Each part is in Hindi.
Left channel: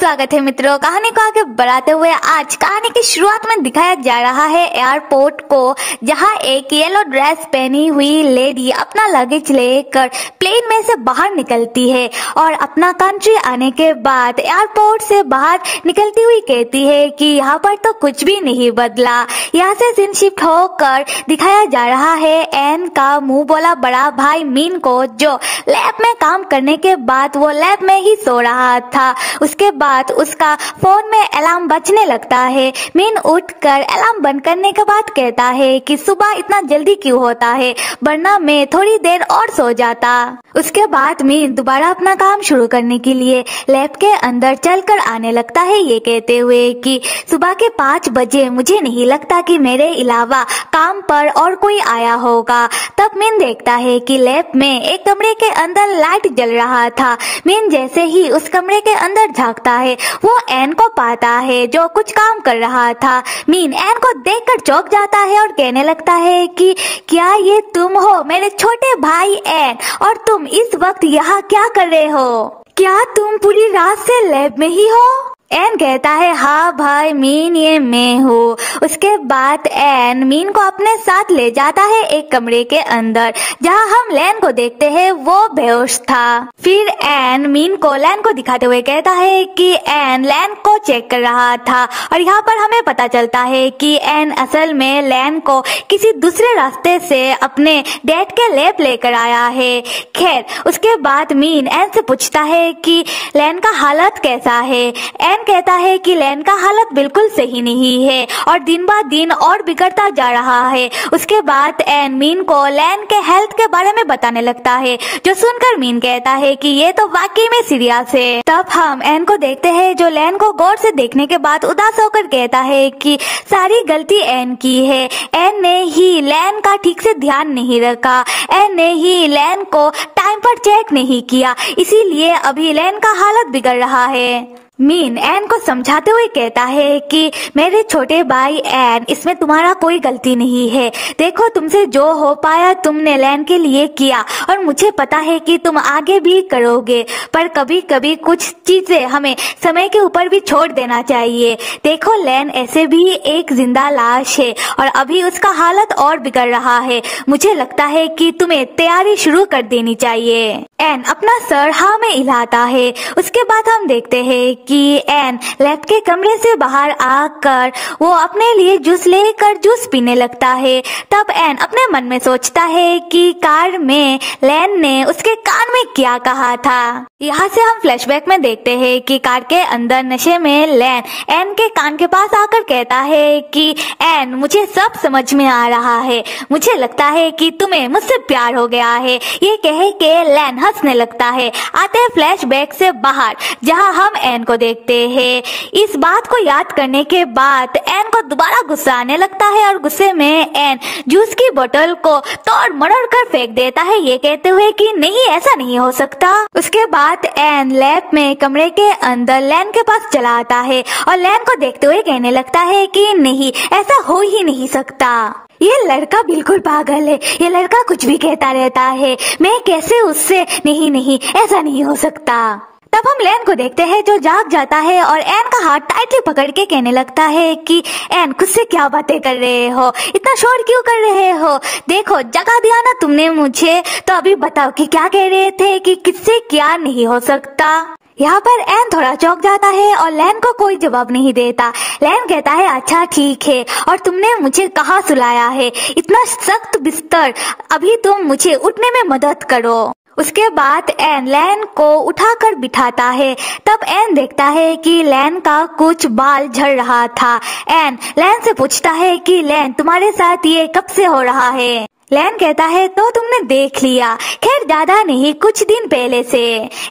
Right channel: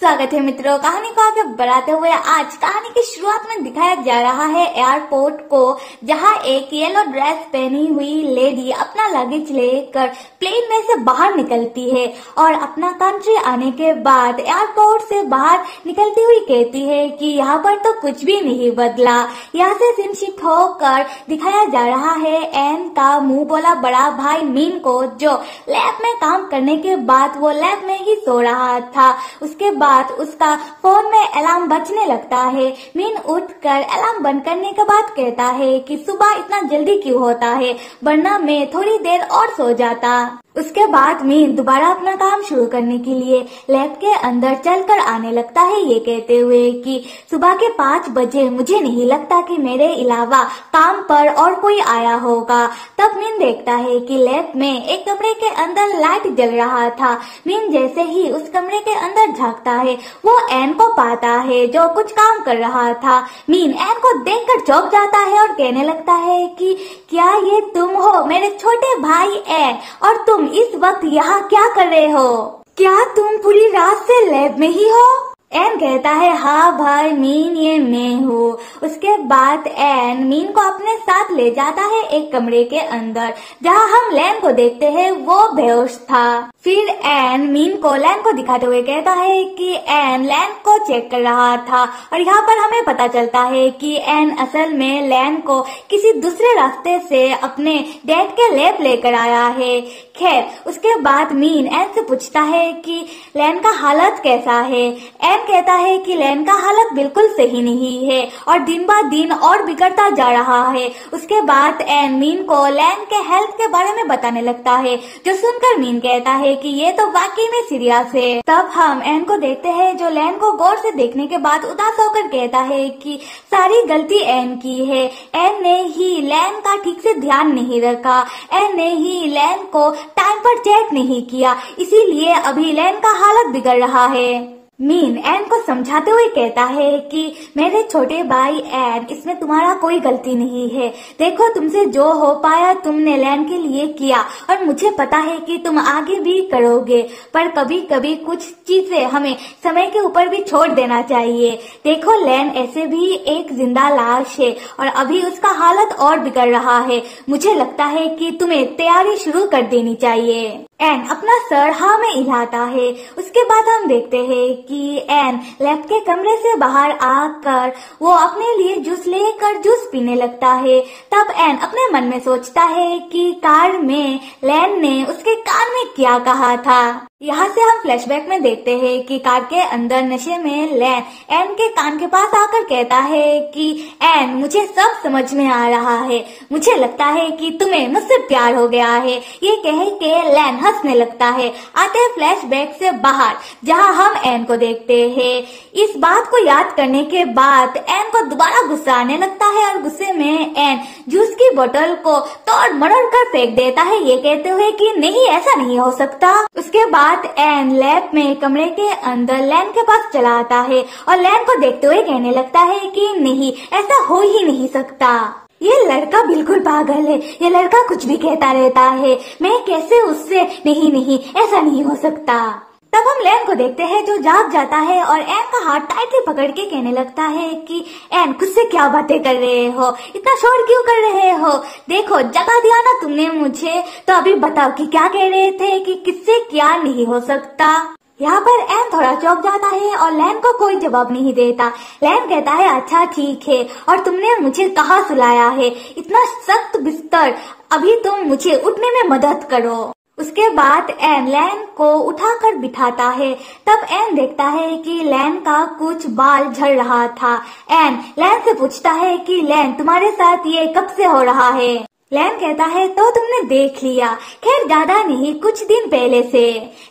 स्वागत है मित्रों। कहानी को आगे बढ़ाते हुए आज कहानी की शुरुआत में दिखाया जा रहा है एयरपोर्ट को, जहां एक येलो ड्रेस पहनी हुई लेडी अपना लगेज लेकर प्लेन में से बाहर निकलती है और अपना कंट्री आने के बाद एयरपोर्ट से बाहर निकलती हुई कहती है कि यहाँ पर तो कुछ भी नहीं बदला। यहाँ से सीन शिफ्ट होकर दिखाया जा रहा है एन का मुंह बोला बड़ा भाई मीन को, जो लैब में काम करने के बाद वो लैब में ही सो रहा था। उसके बाद उसका फोन में अलार्म बजने लगता है। मीन उठकर अलार्म बंद करने के बाद कहता है कि सुबह इतना जल्दी क्यों होता है, वरना मैं थोड़ी देर और सो जाता। उसके बाद मीन दोबारा अपना काम शुरू करने के लिए लैब के अंदर चलकर आने लगता है, ये कहते हुए कि सुबह के 5 बजे मुझे नहीं लगता कि मेरे अलावा काम पर और कोई आया होगा। तब मीन देखता है कि लैब में एक कमरे के अंदर लाइट जल रहा था। मीन जैसे ही उस कमरे के अंदर झांकता है वो एन को पाता है जो कुछ काम कर रहा था। मीन एन को देखकर चौंक जाता है और कहने लगता है कि क्या ये तुम हो मेरे छोटे भाई एन, और तुम इस वक्त यहाँ क्या कर रहे हो? क्या तुम पूरी रात से लैब में ही हो? एन कहता है हाँ भाई मीन, ये मैं हूँ। उसके बाद एन मीन को अपने साथ ले जाता है एक कमरे के अंदर, जहाँ हम लैन को देखते हैं वो बेहोश था। फिर एन मीन को लैन को दिखाते हुए कहता है कि एन लैन को चेक कर रहा था, और यहाँ पर हमें पता चलता है कि एन असल में लैन को किसी दूसरे रास्ते से अपने डैड के लैब लेकर आया है। खैर उसके बाद मीन एन से पूछता है कि लैन का हालत कैसा है। एन कहता है कि लैन का हालत बिल्कुल सही नहीं है और दिन ब दिन और बिगड़ता जा रहा है। उसके बाद एन मीन को लैन के हेल्थ के बारे में बताने लगता है, जो सुनकर मीन कहता है कि ये तो वाकई में सीरियस है। तब हम एन को देखते हैं जो लैन को गौर से देखने के बाद उदास होकर कहता है कि सारी गलती एन की है। एन ने ही लैन का ठीक से ध्यान नहीं रखा, एन ने ही लैन को टाइम पर चेक नहीं किया, इसीलिए अभी लैन का हालत बिगड़ रहा है। मीन एन को समझाते हुए कहता है कि मेरे छोटे भाई एन, इसमें तुम्हारा कोई गलती नहीं है। देखो तुमसे जो हो पाया तुमने लैन के लिए किया, और मुझे पता है कि तुम आगे भी करोगे, पर कभी कभी कुछ चीजें हमें समय के ऊपर भी छोड़ देना चाहिए। देखो लैन ऐसे भी एक जिंदा लाश है और अभी उसका हालत और बिगड़ रहा है। मुझे लगता है कि तुम्हें तैयारी शुरू कर देनी चाहिए। एन अपना सर हाँ में हिलाता है। उसके बाद हम देखते हैं कि एन लैब के कमरे से बाहर आकर वो अपने लिए जूस लेकर जूस पीने लगता है। तब एन अपने मन में सोचता है कि कार में लैन ने उसके कान में क्या कहा था। यहाँ से हम फ्लैशबैक में देखते हैं कि कार के अंदर नशे में लैन एन के कान के पास आकर कहता है कि एन मुझे सब समझ में आ रहा है, मुझे लगता है कि तुम्हें मुझसे प्यार हो गया है। ये कहे के लैन हंसने लगता है। आते फ्लैशबैक से बाहर जहाँ हम एन को देखते हैं। इस बात को याद करने के बाद एन को दोबारा गुस्सा आने लगता है और गुस्से में एन जूस की बोतल को तोड़ मरोड़ कर फेंक देता है, ये कहते हुए कि नहीं ऐसा नहीं हो सकता। उसके बाद एन लैब में कमरे के अंदर लैन के पास चला आता है और लैन को देखते हुए कहने लगता है कि नहीं ऐसा हो ही नहीं सकता, ये लड़का बिल्कुल पागल है, ये लड़का कुछ भी कहता रहता है, मैं कैसे उससे नहीं ऐसा नहीं हो सकता। तब हम लैन को देखते हैं जो जाग जाता है और एन का हाथ टाइटली पकड़ के कहने लगता है कि एन खुद से क्या बातें कर रहे हो, इतना शोर क्यों कर रहे हो? देखो जगा दिया ना तुमने मुझे, तो अभी बताओ कि क्या कह रहे थे कि किससे क्या नहीं हो सकता। यहाँ पर एन थोड़ा चौंक जाता है और लैन को कोई जवाब नहीं देता। लैन कहता है अच्छा ठीक है, और तुमने मुझे कहाँ सुलाया है, इतना सख्त बिस्तर, अभी तुम मुझे उठने में मदद करो। उसके बाद एन लैन को उठाकर बिठाता है। तब एन देखता है कि लैन का कुछ बाल झड़ रहा था। एन लैन से पूछता है कि लैन तुम्हारे साथ ये कब से हो रहा है? लैन कहता है तो तुमने देख लिया, खैर ज्यादा नहीं कुछ दिन पहले से।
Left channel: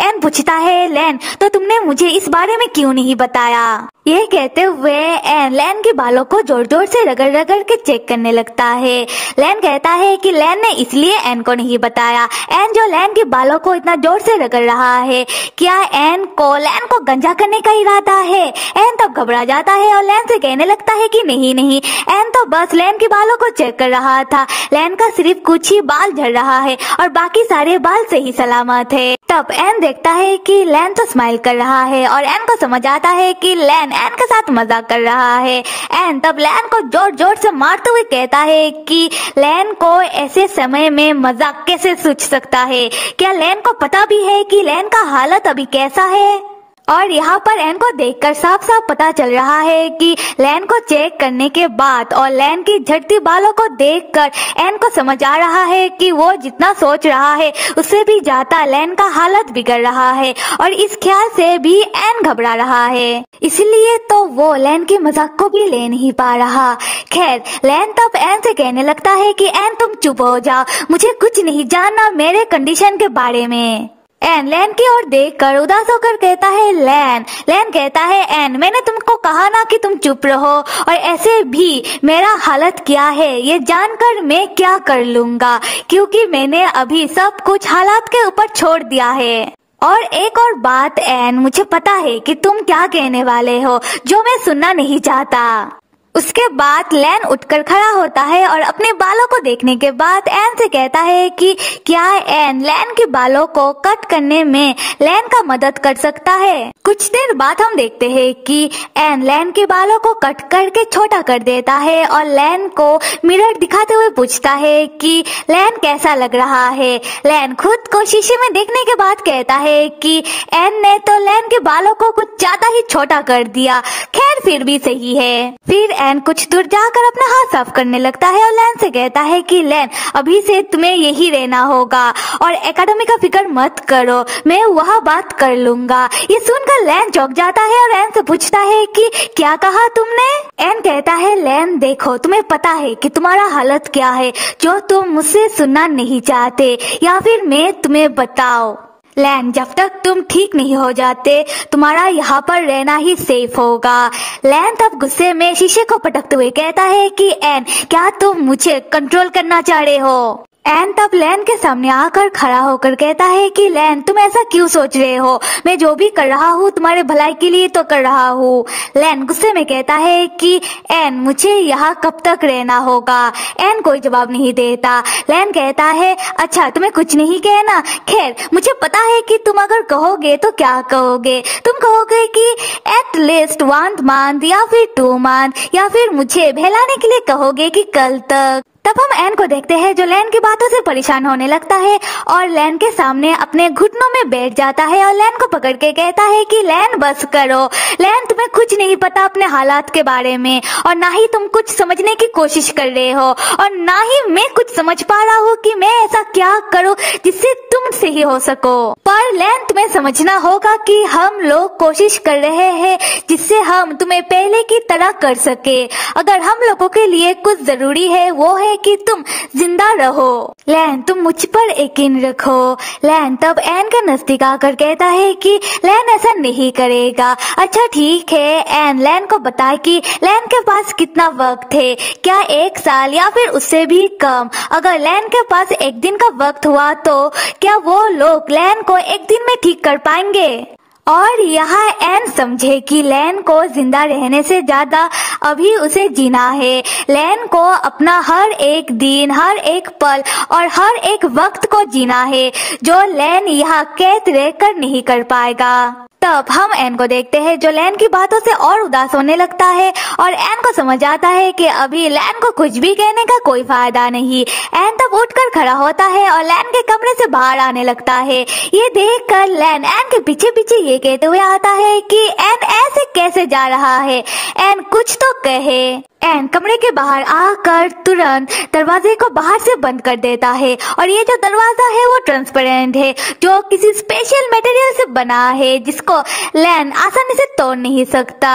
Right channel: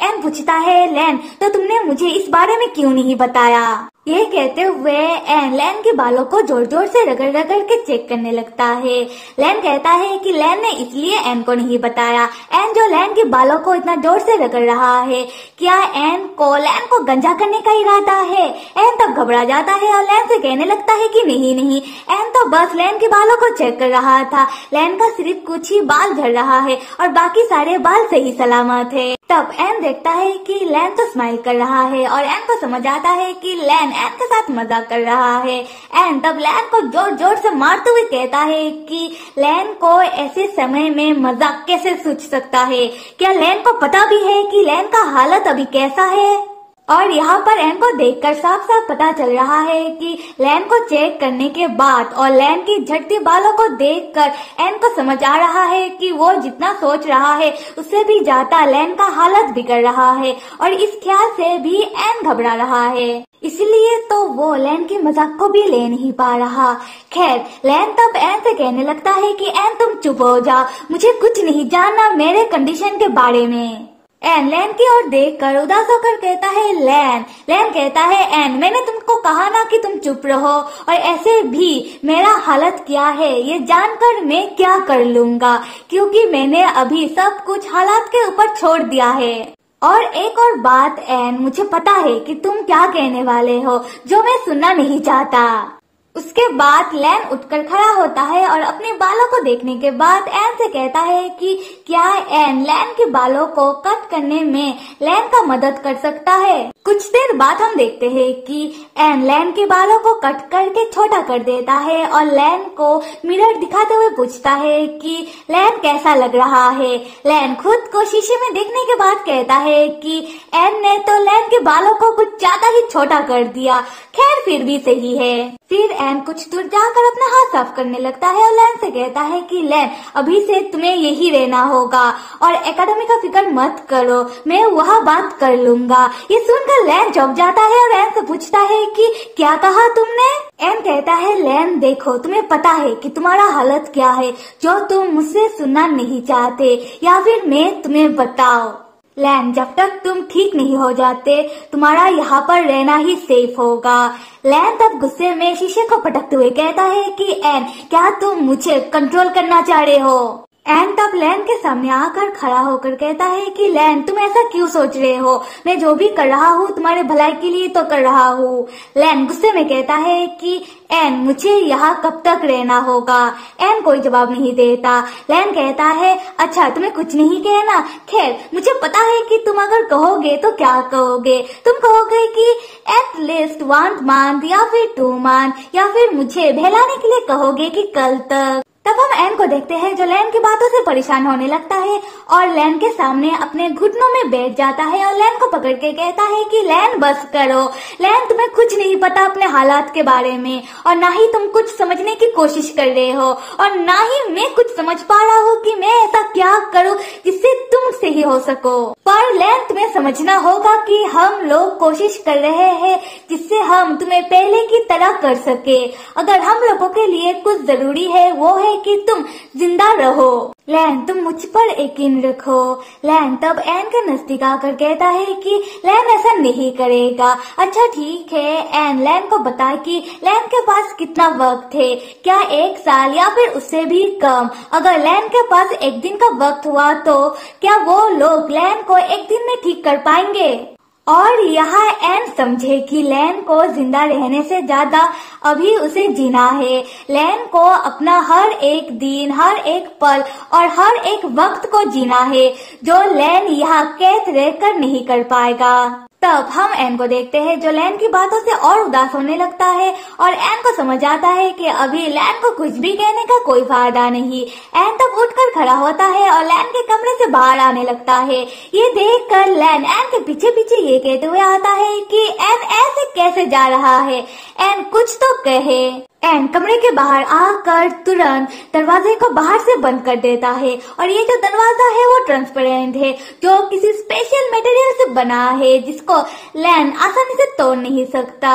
एन पूछता है लैन तो तुमने मुझे इस बारे में क्यों नहीं बताया? ये कहते हुए एन लैन के बालों को जोर जोर से रगड़ रगड़ के चेक करने लगता है। लैन कहता है कि लैन ने इसलिए एन को नहीं बताया। एन जो लैन के बालों को इतना जोर से रगड़ रहा है, क्या एन को लैन को गंजा करने का इरादा है? एन तब घबरा जाता है और लैन से कहने लगता है कि नहीं एन तो बस लैन के बालों को चेक कर रहा था, लैन का सिर्फ कुछ ही बाल झड़ रहा है और बाकी सारे बाल सही सलामत है। तब एन देखता है कि लैन तो स्माइल कर रहा है और एन को समझ आता है कि लैन एन के साथ मजाक कर रहा है। एन तब लैन को जोर जोर से मारते हुए कहता है कि लैन को ऐसे समय में मजाक कैसे सूझ सकता है। क्या लैन को पता भी है कि लैन का हालत अभी कैसा है? और यहाँ पर एन को देखकर साफ साफ पता चल रहा है कि लैन को चेक करने के बाद और लैन की झड़ती बालों को देखकर एन को समझ आ रहा है कि वो जितना सोच रहा है उससे भी ज्यादा लैन का हालत बिगड़ रहा है और इस ख्याल से भी एन घबरा रहा है, इसलिए तो वो लैन के मजाक को भी ले नहीं पा रहा। खैर लैन तब एन से कहने लगता है कि एन तुम चुप हो जाओ, मुझे कुछ नहीं जानना मेरे कंडीशन के बारे में। एन लैन की ओर देखकर उदास होकर कहता है लैन कहता है एन मैंने तुमको कहा ना कि तुम चुप रहो, और ऐसे भी मेरा हालत क्या है ये जानकर मैं क्या कर लूंगा, क्योंकि मैंने अभी सब कुछ हालात के ऊपर छोड़ दिया है। और एक और बात एन, मुझे पता है कि तुम क्या कहने वाले हो जो मैं सुनना नहीं चाहता। उसके बाद लैन उठकर खड़ा होता है और अपने बालों को देखने के बाद एन से कहता है कि क्या एन लैन के बालों को कट करने में लैन का मदद कर सकता है। कुछ देर बाद हम देखते हैं कि एन लैन के बालों को कट करके छोटा कर देता है और लैन को मिरर दिखाते हुए पूछता है कि लैन कैसा लग रहा है। लैन खुद को शीशे में देखने के बाद कहता है कि एन ने तो लैन के बालों को कुछ ज्यादा ही छोटा कर दिया, खैर फिर भी सही है। फिर एन कुछ दूर जाकर अपना हाथ साफ करने लगता है और लैन से कहता है कि लैन अभी से तुम्हें यही रहना होगा और एकेडमी का फिक्र मत करो, मैं वहाँ बात कर लूंगा। ये सुनकर लैन चौंक जाता है और एन से पूछता है कि क्या कहा तुमने। एन कहता है लैन देखो तुम्हें पता है कि तुम्हारा हालत क्या है जो तुम मुझसे सुनना नहीं चाहते, या फिर मैं तुम्हें बताओ। लैन जब तक तुम ठीक नहीं हो जाते तुम्हारा यहाँ पर रहना ही सेफ होगा। लैन तब गुस्से में शीशे को पटकते हुए कहता है कि एन क्या तुम मुझे कंट्रोल करना चाह रहे हो। एन तब लैन के सामने आकर खड़ा होकर कहता है कि लैन तुम ऐसा क्यों सोच रहे हो, मैं जो भी कर रहा हूँ तुम्हारे भलाई के लिए तो कर रहा हूँ। लैन गुस्से में कहता है कि एन मुझे यहाँ कब तक रहना होगा। एन कोई जवाब नहीं देता। लैन कहता है अच्छा तुम्हें कुछ नहीं कहना, खैर मुझे पता है कि तुम अगर कहोगे तो क्या कहोगे, तुम कहोगे कि एट लीस्ट 1 मंथ या फिर 2 मंथ, या फिर मुझे बहलाने के लिए कहोगे कि कल तक। तब हम एन को देखते हैं जो लैन की बातों से परेशान होने लगता है और लैन के सामने अपने घुटनों में बैठ जाता है और लैन को पकड़ के कहता है कि लैन बस करो, लैन तुम्हें कुछ नहीं पता अपने हालात के बारे में और ना ही तुम कुछ समझने की कोशिश कर रहे हो और ना ही मैं कुछ समझ पा रहा हूँ कि मैं ऐसा क्या करूँ जिससे तुम सही हो सको। पर लैन तुम्हें समझना होगा कि हम लोग कोशिश कर रहे हैं जिससे हम तुम्हें पहले की तरह कर सके। अगर हम लोगों के लिए कुछ जरूरी है वो है कि तुम जिंदा रहो। लैन तुम मुझ पर यकीन रखो। लैन तब एन के नजदीक आकर कहता है कि लैन ऐसा नहीं करेगा। अच्छा ठीक है। एन लैन को बताए कि लैन के पास कितना वक्त है, क्या 1 साल या फिर उससे भी कम। अगर लैन के पास 1 दिन का वक्त हुआ तो क्या वो लोग लैन को 1 दिन में ठीक कर पाएंगे। और यहाँ एन समझे कि लैन को जिंदा रहने से ज्यादा अभी उसे जीना है। लैन को अपना हर एक दिन, हर एक पल और हर एक वक्त को जीना है जो लैन यहाँ कैद रहकर नहीं कर पाएगा। तब हम एन को देखते हैं जो लैन की बातों से और उदास होने लगता है और एन को समझ आता है कि अभी लैन को कुछ भी कहने का कोई फायदा नहीं। एन तब उठकर खड़ा होता है और लैन के कमरे से बाहर आने लगता है। ये देखकर लैन एन के पीछे पीछे ये कहते हुए आता है कि एन ऐसे कैसे जा रहा है, एन कुछ तो कहे। एन कमरे के बाहर आकर तुरंत दरवाजे को बाहर से बंद कर देता है और ये जो दरवाजा है वो ट्रांसपेरेंट है जो किसी स्पेशल मटेरियल से बना है जिसको लैन आसानी से तोड़ नहीं सकता।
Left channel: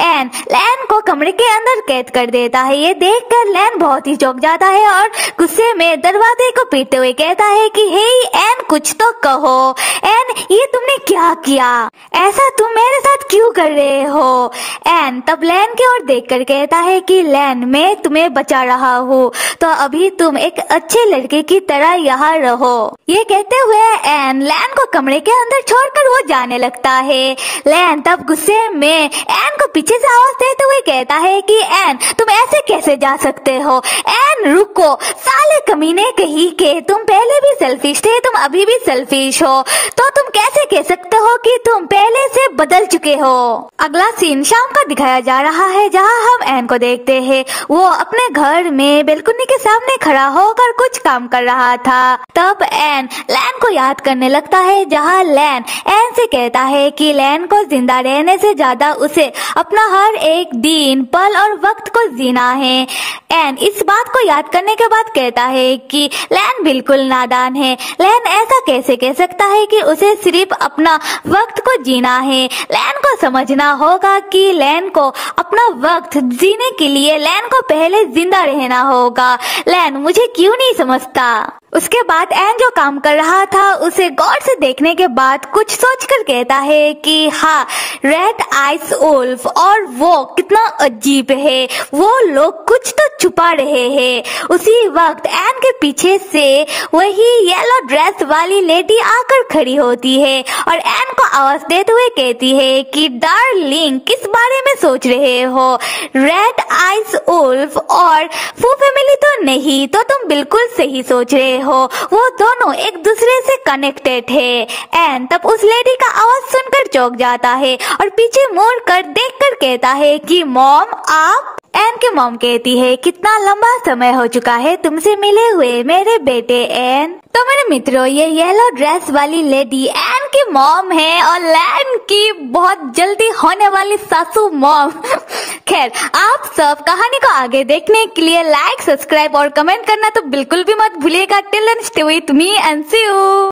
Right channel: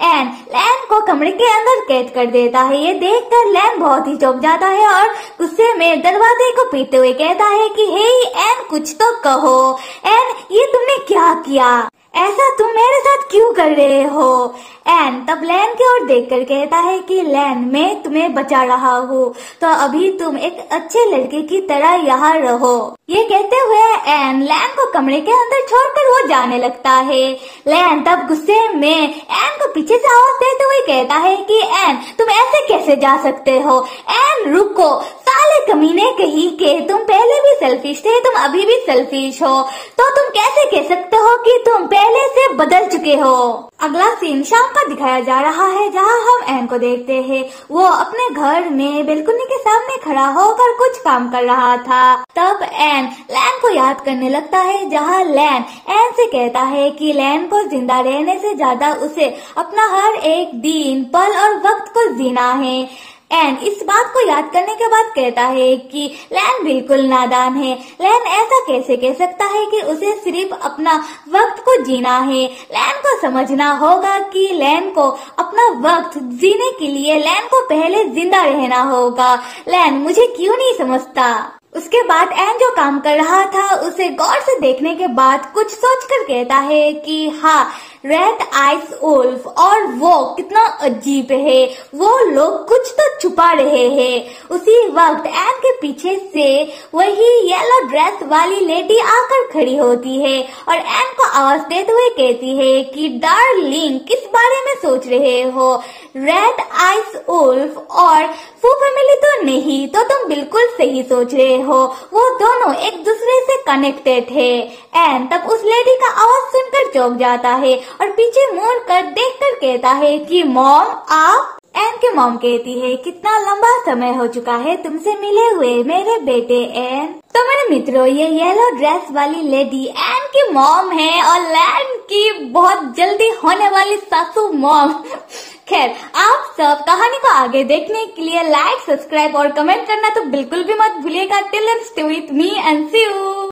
एन लैन को कमरे के अंदर कैद कर देता है। ये देखकर लैन बहुत ही चौंक जाता है और गुस्से में दरवाजे को पीटते हुए कहता है कि हे एन कुछ तो कहो। एन ये तुमने क्या किया? ऐसा तुम मेरे साथ क्यों कर रहे हो? एन तब लैन की ओर देखकर कहता है कि लैन, मैं तुम्हें बचा रहा हूँ, तो अभी तुम एक अच्छे लड़के की तरह यहाँ रहो। ये कहते हुए एन लैन को कमरे के अंदर छोड़कर वो जाने लगता है। लैन तब गुस्से में एन को पीछे से आवाज देते हुए कहता है कि एन, तुम ऐसे कैसे जा सकते हो? एन रुको, साले कमीने कहीं के, तुम पहले भी सेल्फिश थे, तुम अभी भी सेल्फिश हो, तो तुम कैसे कह सकते हो कि तुम पहले से बदल चुके हो? अगला सीन शाम का दिखाया जा रहा है, जहां हम एन को देखते हैं। वो अपने घर में बेलकुनी के सामने खड़ा होकर कुछ काम कर रहा था। तब एन लैन को याद करने लगता है, जहां लैन एन से कहता है कि लैन को जिंदा रहने से ज्यादा उसे अपना हर एक दिन, पल और वक्त को जीना है। एन इस बात को याद करने के बाद कहता है कि लैन बिल्कुल नादान है। लैन ऐसा कैसे कह सकता है कि उसे सिर्फ अपना वक्त को जीना है? लैन को समझना होगा कि लैन को अपना वक्त जीने के लिए लैन को पहले जिंदा रहना होगा। लैन मुझे क्यों नहीं समझता? उसके बाद एन जो काम कर रहा था उसे गौर से देखने के बाद कुछ सोचकर कहता है कि हाँ, रेड आइस वुल्फ, और वो कितना अजीब है, वो लोग कुछ तो छुपा रहे हैं। उसी वक्त एन के पीछे से वही येलो ड्रेस वाली लेडी आकर खड़ी होती है और एन को आवाज देते हुए कहती है कि डार्लिंग, किस बारे में सोच रहे हो? रेड आइस वुल्फ और फू फैमिली तो नहीं, तो तुम बिल्कुल सही सोच रहे हो, वो दोनों एक दूसरे से कनेक्टेड है। एन तब उस लेडी का आवाज सुनकर चौंक जाता है और पीछे मुड़ कर देखकर कहता है कि मॉम, आप? एन की मॉम कहती है, कितना लंबा समय हो चुका है तुमसे मिले हुए मेरे बेटे एन। तो मेरे मित्रों, ये येलो ड्रेस वाली लेडी एन की मॉम है और लैन की बहुत जल्दी होने वाली सासू मॉम। खैर, आप सब कहानी को आगे देखने के लिए लाइक, सब्सक्राइब और कमेंट करना तो बिल्कुल भी मत भूलिएगा। Till then stay with me and see you.